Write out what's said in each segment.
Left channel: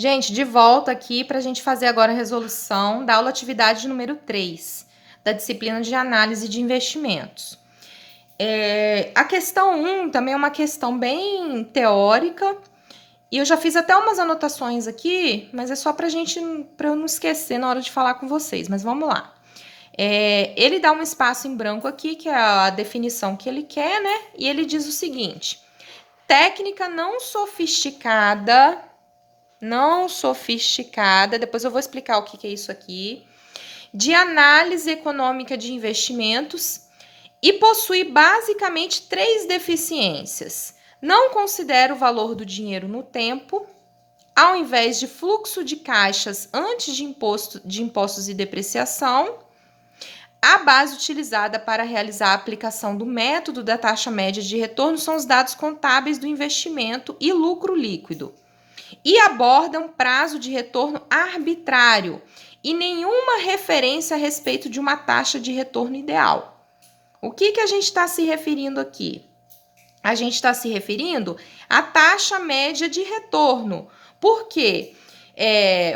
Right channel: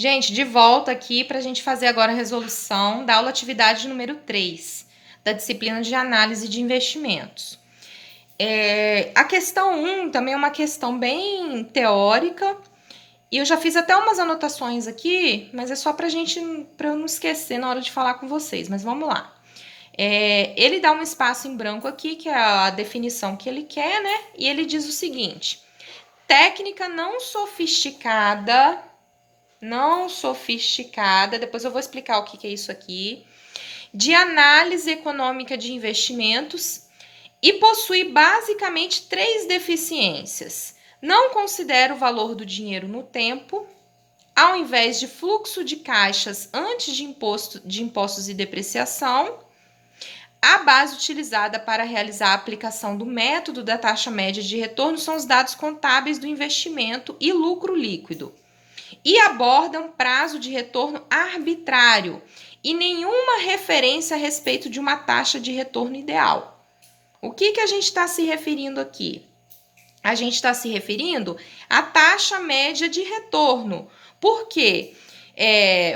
Gente, de volta aqui para a gente fazer agora a resolução da aula atividade número 3, da disciplina de análise de investimentos. A questão 1 também é uma questão bem teórica, e eu já fiz até umas anotações aqui, mas é só para eu não esquecer na hora de falar com vocês, mas vamos lá. Ele dá um espaço em branco aqui, que é a definição que ele quer, né? E ele diz o seguinte: técnica não sofisticada, depois eu vou explicar o que é isso aqui, de análise econômica de investimentos e possui basicamente 3 deficiências. Não considera o valor do dinheiro no tempo, ao invés de fluxo de caixas antes de impostos e depreciação. A base utilizada para realizar a aplicação do método da taxa média de retorno são os dados contábeis do investimento e lucro líquido. E abordam prazo de retorno arbitrário e nenhuma referência a respeito de uma taxa de retorno ideal. O que a gente está se referindo aqui? A gente está se referindo à taxa média de retorno. Por quê?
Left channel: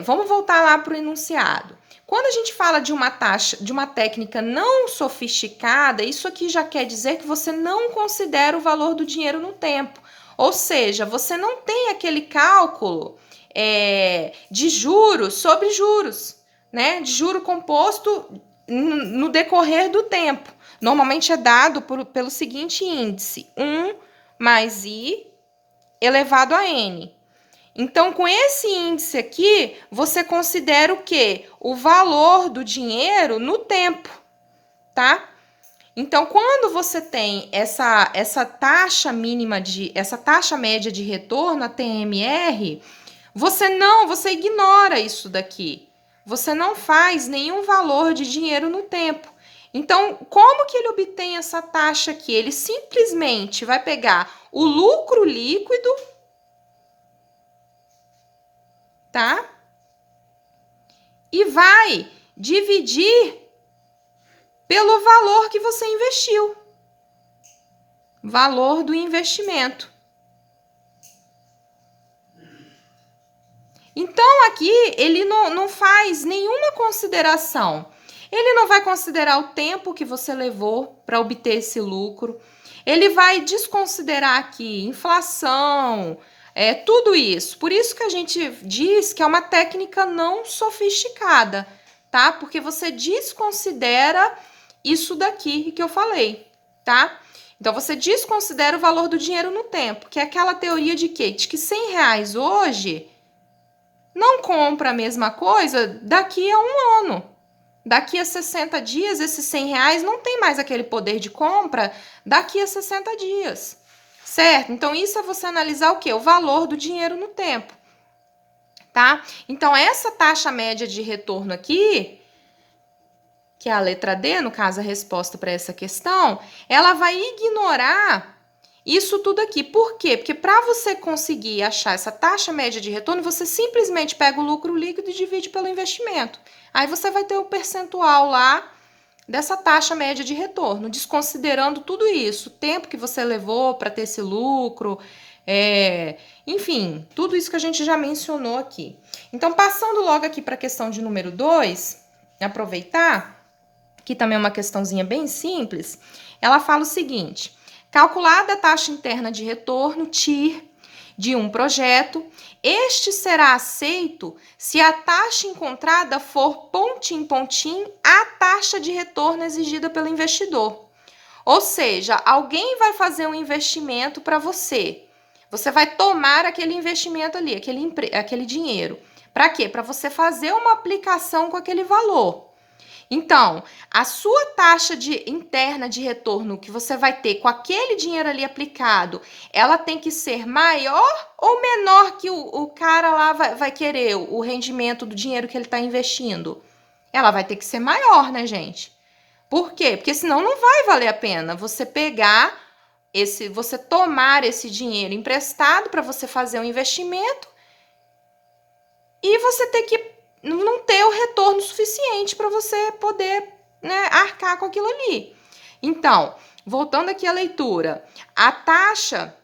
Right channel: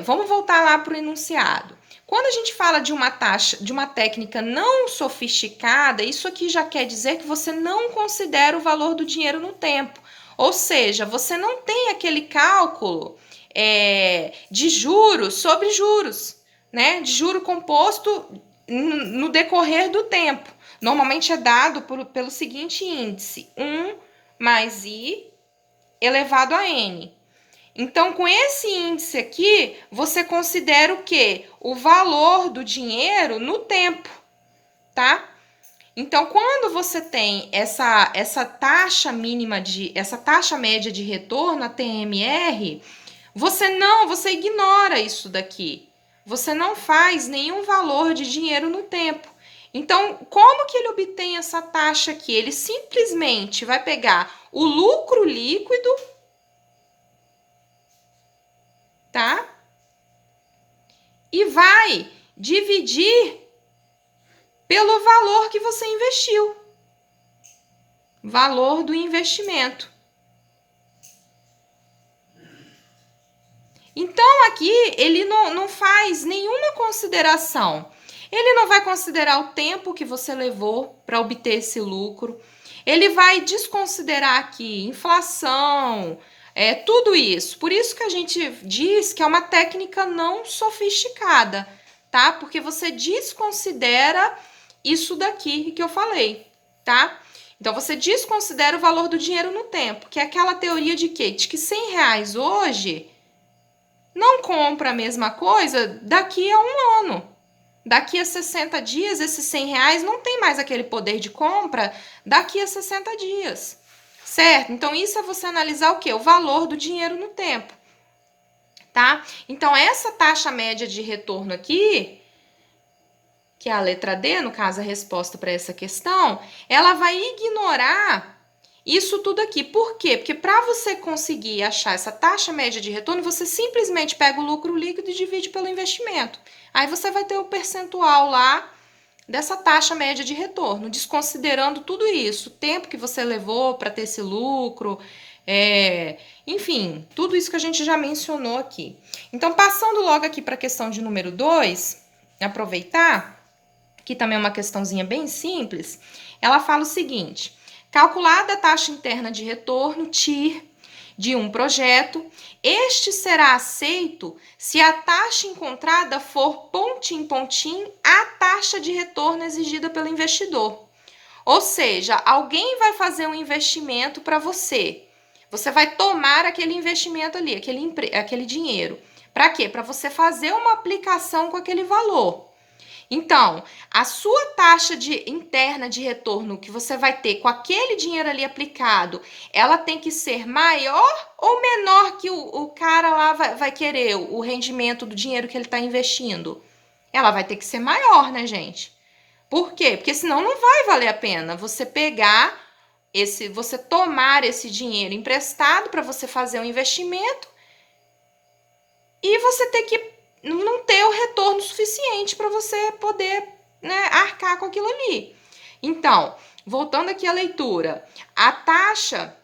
Vamos voltar lá para o enunciado. Quando a gente fala de uma taxa, de uma técnica não sofisticada, isso aqui já quer dizer que você não considera o valor do dinheiro no tempo. Ou seja, você não tem aquele cálculo de juros sobre juros, né? De juro composto no decorrer do tempo. Normalmente é dado pelo seguinte índice: 1 mais I elevado a N. Então, com esse índice aqui, você considera o quê? O valor do dinheiro no tempo, tá? Então, quando você tem essa taxa média de retorno, a TMR, você ignora isso daqui. Você não faz nenhum valor de dinheiro no tempo. Então, como que ele obtém essa taxa aqui? Ele simplesmente vai pegar o lucro líquido, tá? E vai dividir pelo valor que você investiu. Valor do investimento. Então, aqui, ele não faz nenhuma consideração. Ele não vai considerar o tempo que você levou para obter esse lucro. Ele vai desconsiderar aqui inflação, tudo isso. Por isso que a gente diz que é uma técnica não sofisticada, tá? Porque você desconsidera isso daqui que eu falei, tá? Então, você desconsidera o valor do dinheiro no tempo, que é aquela teoria de quê? De que R$100 hoje não compra a mesma coisa daqui a um ano. Daqui a 60 dias, esses R$100 não tem mais aquele poder de compra daqui a 60 dias, certo? Então, isso é você analisar o quê? O valor do dinheiro no tempo, tá? Então, essa taxa média de retorno aqui, que é a letra D, no caso, a resposta para essa questão, ela vai ignorar isso tudo aqui. Por quê? Porque para você conseguir achar essa taxa média de retorno, você simplesmente pega o lucro líquido e divide pelo investimento. Aí você vai ter o percentual lá dessa taxa média de retorno, desconsiderando tudo isso, o tempo que você levou para ter esse lucro, enfim, tudo isso que a gente já mencionou aqui. Então, passando logo aqui para a questão de número 2, aproveitar, que também é uma questãozinha bem simples, ela fala o seguinte: calculada a taxa interna de retorno, TIR, de um projeto, este será aceito se a taxa encontrada for pontinho pontinho a taxa de retorno exigida pelo investidor. Ou seja, alguém vai fazer um investimento para você. Você vai tomar aquele investimento ali, aquele dinheiro. Para quê? Para você fazer uma aplicação com aquele valor. Então, a sua taxa interna de retorno que você vai ter com aquele dinheiro ali aplicado, ela tem que ser maior ou menor que o cara lá vai querer o rendimento do dinheiro que ele está investindo? Ela vai ter que ser maior, né, gente? Por quê? Porque senão não vai valer a pena você você tomar esse dinheiro emprestado para você fazer um investimento e você ter que não ter o retorno suficiente para você poder, né, arcar com aquilo ali. Então, voltando aqui à leitura, a taxa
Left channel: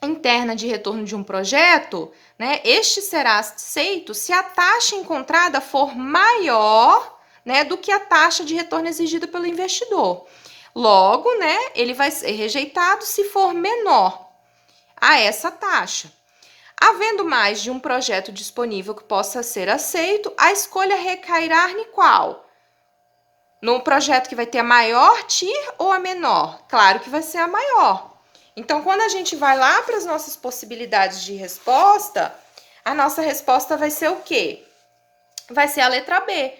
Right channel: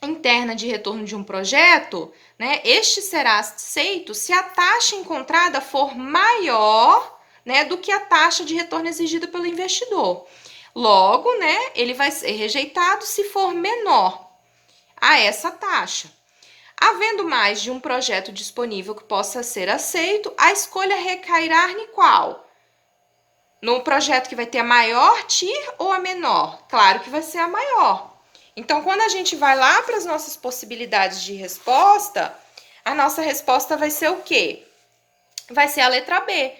interna de retorno de um projeto né? Este será aceito se a taxa encontrada for maior, né, do que a taxa de retorno exigida pelo investidor. Logo, né, ele vai ser rejeitado se for menor a essa taxa. Havendo mais de um projeto disponível que possa ser aceito, a escolha recairá em qual? No projeto que vai ter a maior TIR ou a menor? Claro que vai ser a maior. Então, quando a gente vai lá para as nossas possibilidades de resposta, a nossa resposta vai ser o quê? Vai ser a letra B.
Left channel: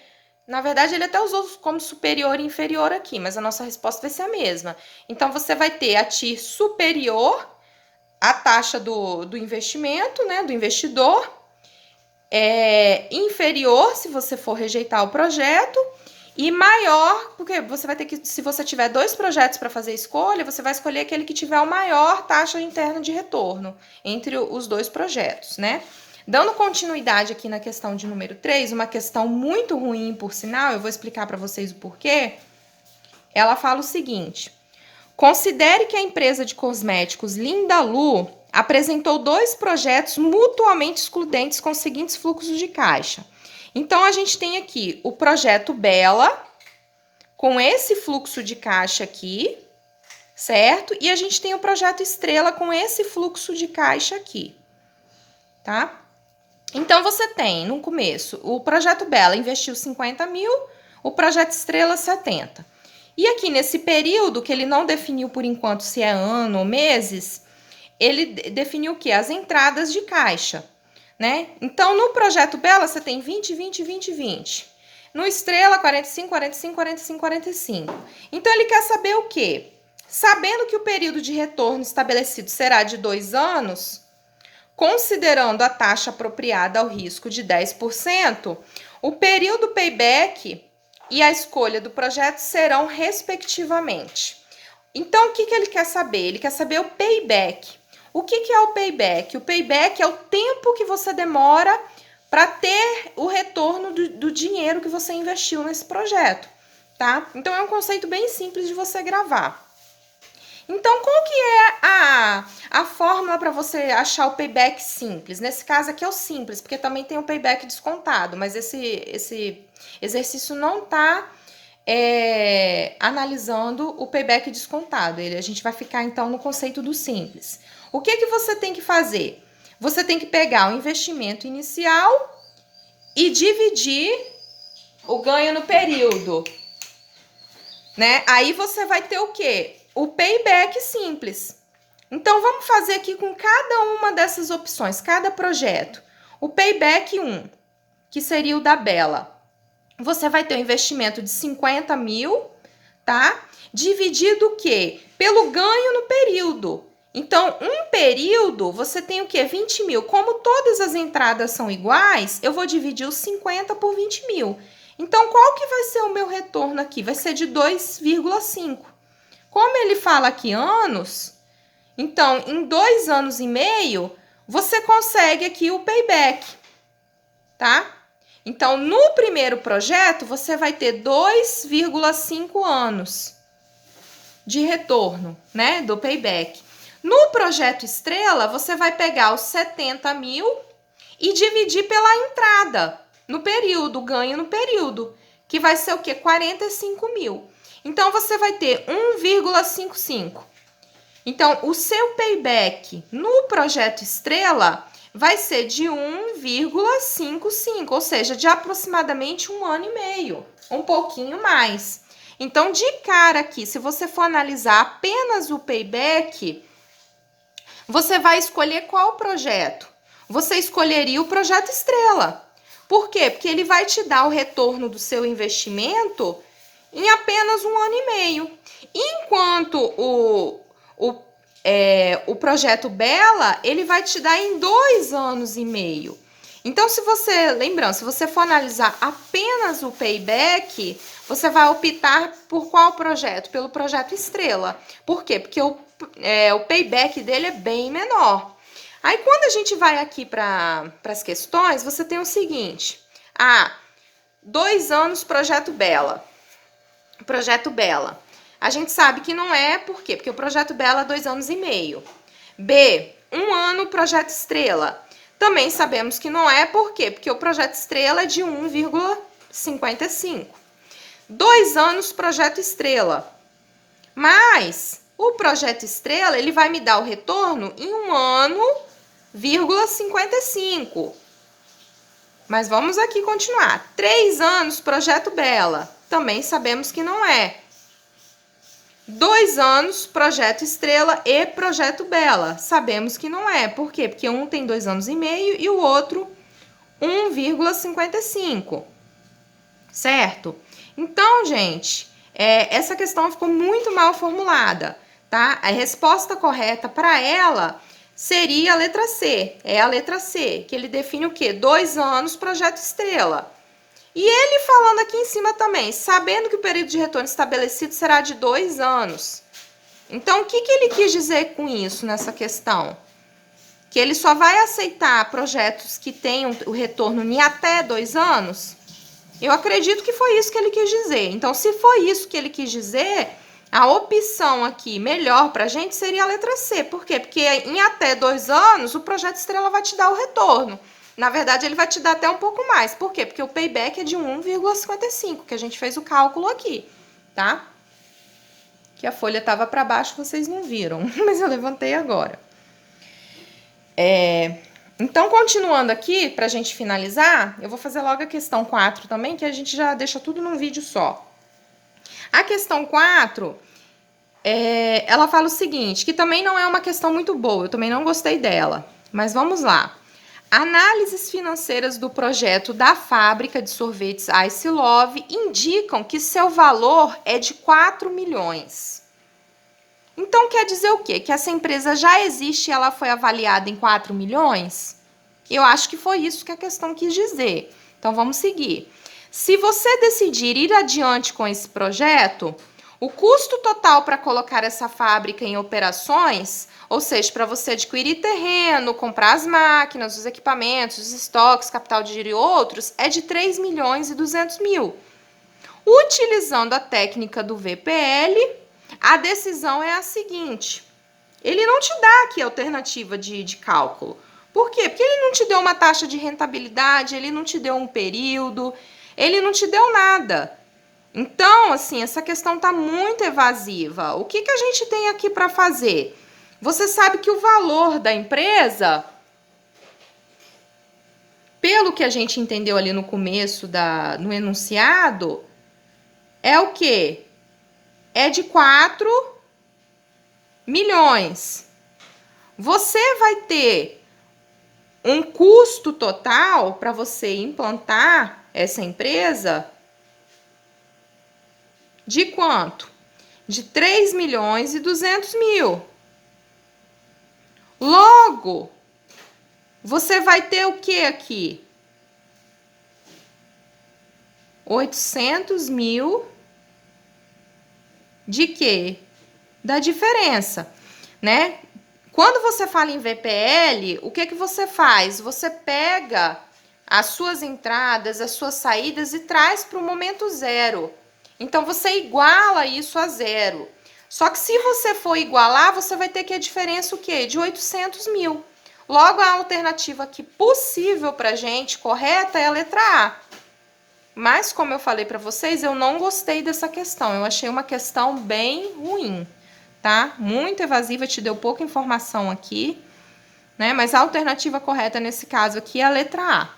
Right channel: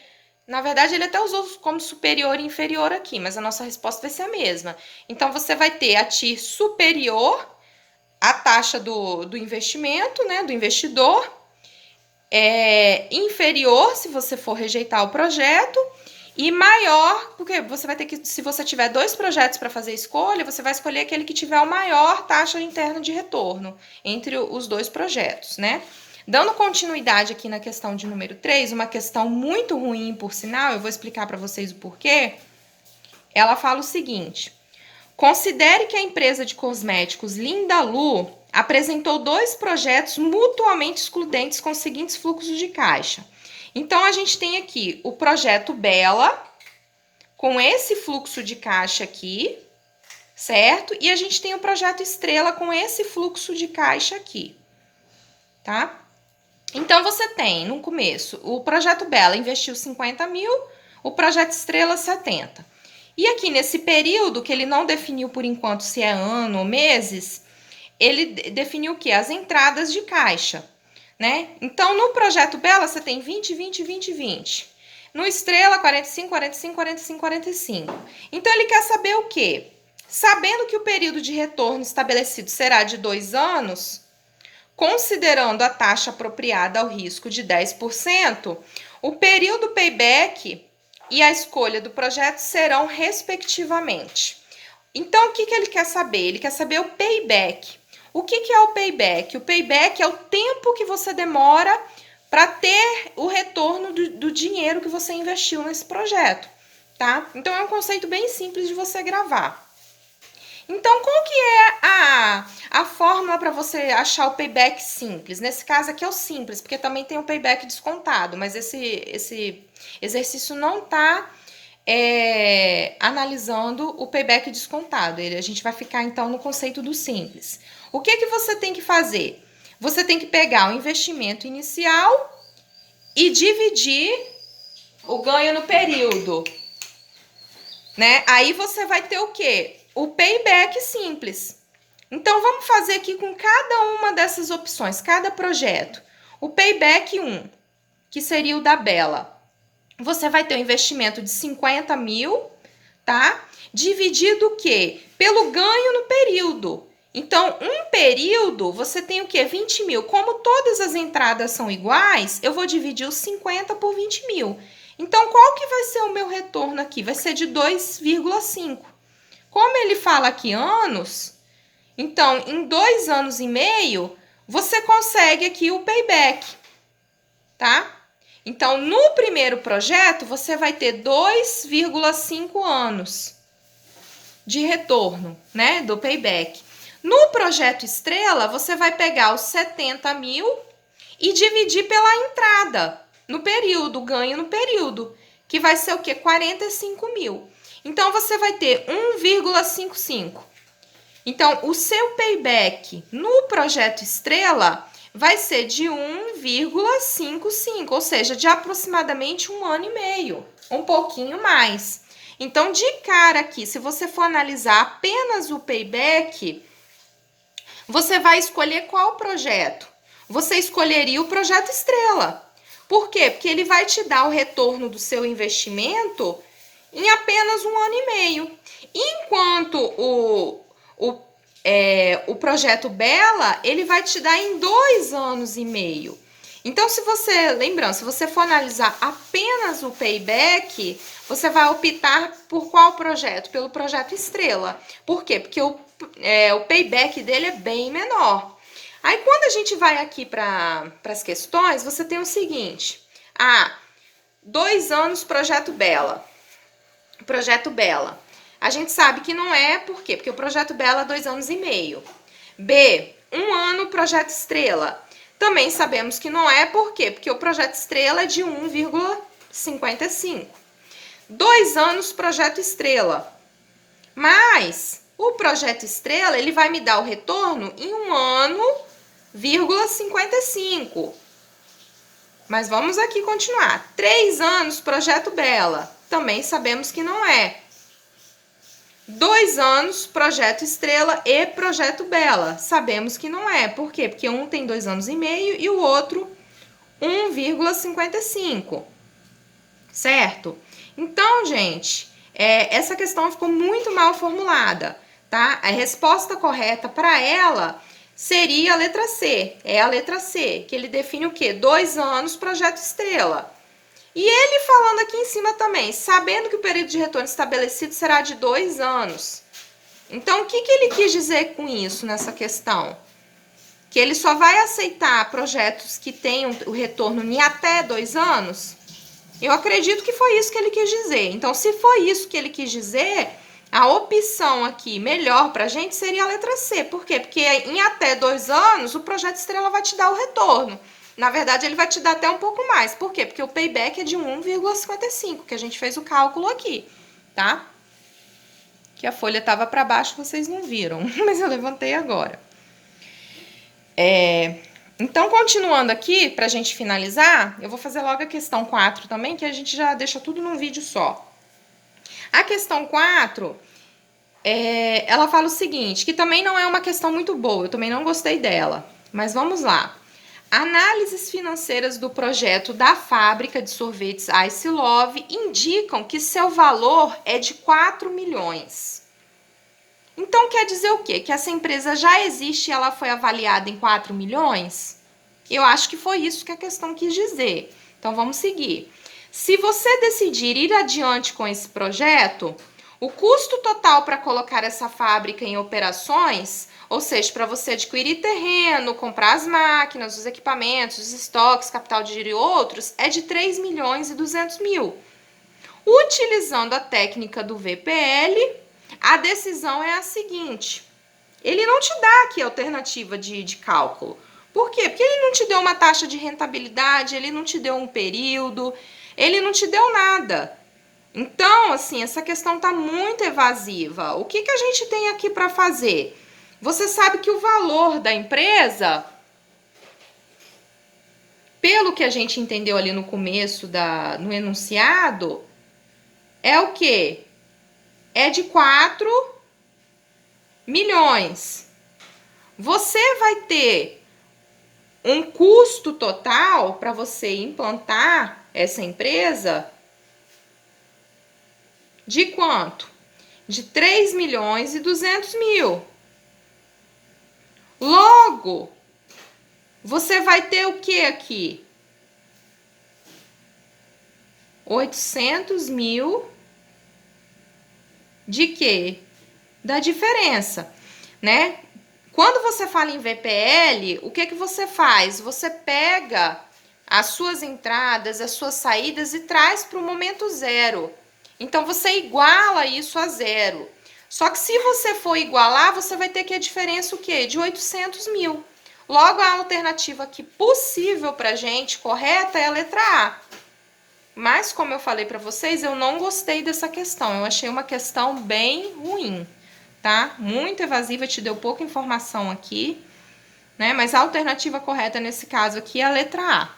Na verdade, ele até usou como superior e inferior aqui, mas a nossa resposta vai ser a mesma. Então, você vai ter a TIR superior à taxa do investimento, né, do investidor, inferior se você for rejeitar o projeto, e maior, porque você vai ter que, se você tiver 2 projetos para fazer escolha, você vai escolher aquele que tiver a maior taxa interna de retorno entre os 2 projetos, né? Dando continuidade aqui na questão de número 3, uma questão muito ruim, por sinal, eu vou explicar para vocês o porquê. Ela fala o seguinte: considere que a empresa de cosméticos Linda Lu apresentou 2 projetos mutuamente excludentes com os seguintes fluxos de caixa. Então, a gente tem aqui o projeto Bela, com esse fluxo de caixa aqui, certo? E a gente tem o projeto Estrela com esse fluxo de caixa aqui, tá? Então, você tem, no começo, o projeto Bela investiu 50 mil, o projeto Estrela 70. E aqui, nesse período, que ele não definiu por enquanto se é ano ou meses, ele definiu o quê? As entradas de caixa, né? Então, no projeto Bela, você tem 20, 20, 20, 20. No Estrela, 45, 45, 45, 45. Então, ele quer saber o quê? Sabendo que o período de retorno estabelecido será de 2 anos, considerando a taxa apropriada ao risco de 10%, o período payback e a escolha do projeto serão respectivamente. Então, o que ele quer saber? Ele quer saber o payback. O que é o payback? O payback é o tempo que você demora para ter o retorno do dinheiro que você investiu nesse projeto, tá? Então, é um conceito bem simples de você gravar. Então, qual que é a fórmula para você achar o payback simples? Nesse caso aqui é o simples, porque também tem o payback descontado, mas esse exercício não está analisando o payback descontado. A gente vai ficar, então, no conceito do simples. O que você tem que fazer? Você tem que pegar o investimento inicial e dividir o ganho no período, né? Aí você vai ter o quê? O payback simples. Então, vamos fazer aqui com cada uma dessas opções, cada projeto. O payback 1, que seria o da Bela. Você vai ter um investimento de 50 mil, tá? Dividido o quê? Pelo ganho no período. Então, um período, você tem o quê? 20 mil. Como todas as entradas são iguais, eu vou dividir os 50 por 20 mil. Então, qual que vai ser o meu retorno aqui? Vai ser de 2,5. Como ele fala aqui anos, então, em 2 anos e meio, você consegue aqui o payback, tá? Então, no primeiro projeto, você vai ter 2,5 anos de retorno, né, do payback. No projeto Estrela, você vai pegar os 70 mil e dividir pela entrada no período, ganho no período, que vai ser o quê? 45 mil. Então, você vai ter 1,55. Então, o seu payback no projeto Estrela vai ser de 1,55, ou seja, de aproximadamente 1 ano e meio, um pouquinho mais. Então, de cara aqui, se você for analisar apenas o payback, você vai escolher qual projeto? Você escolheria o projeto Estrela. Por quê? Porque ele vai te dar o retorno do seu investimento em apenas 1 ano e meio. Enquanto o projeto Bela, ele vai te dar em 2 anos e meio. Então, lembrando, se você for analisar apenas o payback, você vai optar por qual projeto? Pelo projeto Estrela. Por quê? Porque o payback dele é bem menor. Aí, quando a gente vai aqui para as questões, você tem o seguinte: 2 anos projeto Bela. Projeto Bela. A gente sabe que não é, por quê? Porque o projeto Bela é 2 anos e meio. B, 1 ano projeto Estrela. Também sabemos que não é, por quê? Porque o projeto Estrela é de 1,55. 2 anos projeto Estrela. Mas o projeto Estrela, ele vai me dar o retorno em 1 ano, 55. Mas vamos aqui continuar. 3 anos projeto Bela. Também sabemos que não é. 2 anos, projeto Estrela e projeto Bela. Sabemos que não é. Por quê? Porque um tem 2 anos e meio e o outro 1,55. Certo? Então, gente, essa questão ficou muito mal formulada, tá? A resposta correta para ela seria a letra C. É a letra C, que ele define o quê? 2 anos, projeto Estrela. E ele falando aqui em cima também, sabendo que o período de retorno estabelecido será de 2 anos. Então, o que ele quis dizer com isso nessa questão? Que ele só vai aceitar projetos que tenham o retorno em até 2 anos? Eu acredito que foi isso que ele quis dizer. Então, se foi isso que ele quis dizer, a opção aqui melhor para a gente seria a letra C. Por quê? Porque em até 2 anos, o projeto Estrela vai te dar o retorno. Na verdade, ele vai te dar até um pouco mais. Por quê? Porque o payback é de 1,55, que a gente fez o cálculo aqui, tá? Que a folha estava para baixo, vocês não viram, mas eu levantei agora. Então, continuando aqui, para a gente finalizar, eu vou fazer logo a questão 4 também, que a gente já deixa tudo num vídeo só. A questão 4, ela fala o seguinte, que também não é uma questão muito boa, eu também não gostei dela, mas vamos lá. Análises financeiras do projeto da fábrica de sorvetes Ice Love indicam que seu valor é de 4 milhões. Então, quer dizer o quê? Que essa empresa já existe e ela foi avaliada em 4 milhões? Eu acho que foi isso que a questão quis dizer. Então, vamos seguir. Se você decidir ir adiante com esse projeto, o custo total para colocar essa fábrica em operações, ou seja, para você adquirir terreno, comprar as máquinas, os equipamentos, os estoques, capital de giro e outros, é de 3 milhões e 200 mil. Utilizando a técnica do VPL, a decisão é a seguinte. Ele não te dá aqui a alternativa de cálculo. Por quê? Porque ele não te deu uma taxa de rentabilidade, ele não te deu um período, ele não te deu nada. Então, assim, essa questão está muito evasiva. O que a gente tem aqui para fazer? Você sabe que o valor da empresa, pelo que a gente entendeu ali no começo, no enunciado, é o quê? É de 4 milhões. Você vai ter um custo total para você implantar essa empresa de quanto? De 3 milhões e 200 mil. Logo, você vai ter o que aqui? 800 mil de quê? Da diferença, né? Quando você fala em VPL, o que você faz? Você pega as suas entradas, as suas saídas e traz para o momento zero. Então, você iguala isso a zero. Só que se você for igualar, você vai ter que a diferença o quê? De 800 mil. Logo, a alternativa aqui possível para a gente, correta, é a letra A. Mas, como eu falei para vocês, eu não gostei dessa questão. Eu achei uma questão bem ruim, tá? Muito evasiva, te deu pouca informação aqui, né? Mas a alternativa correta nesse caso aqui é a letra A.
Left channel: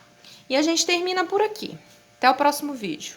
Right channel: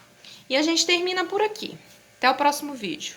E a gente termina por aqui. Até o próximo vídeo.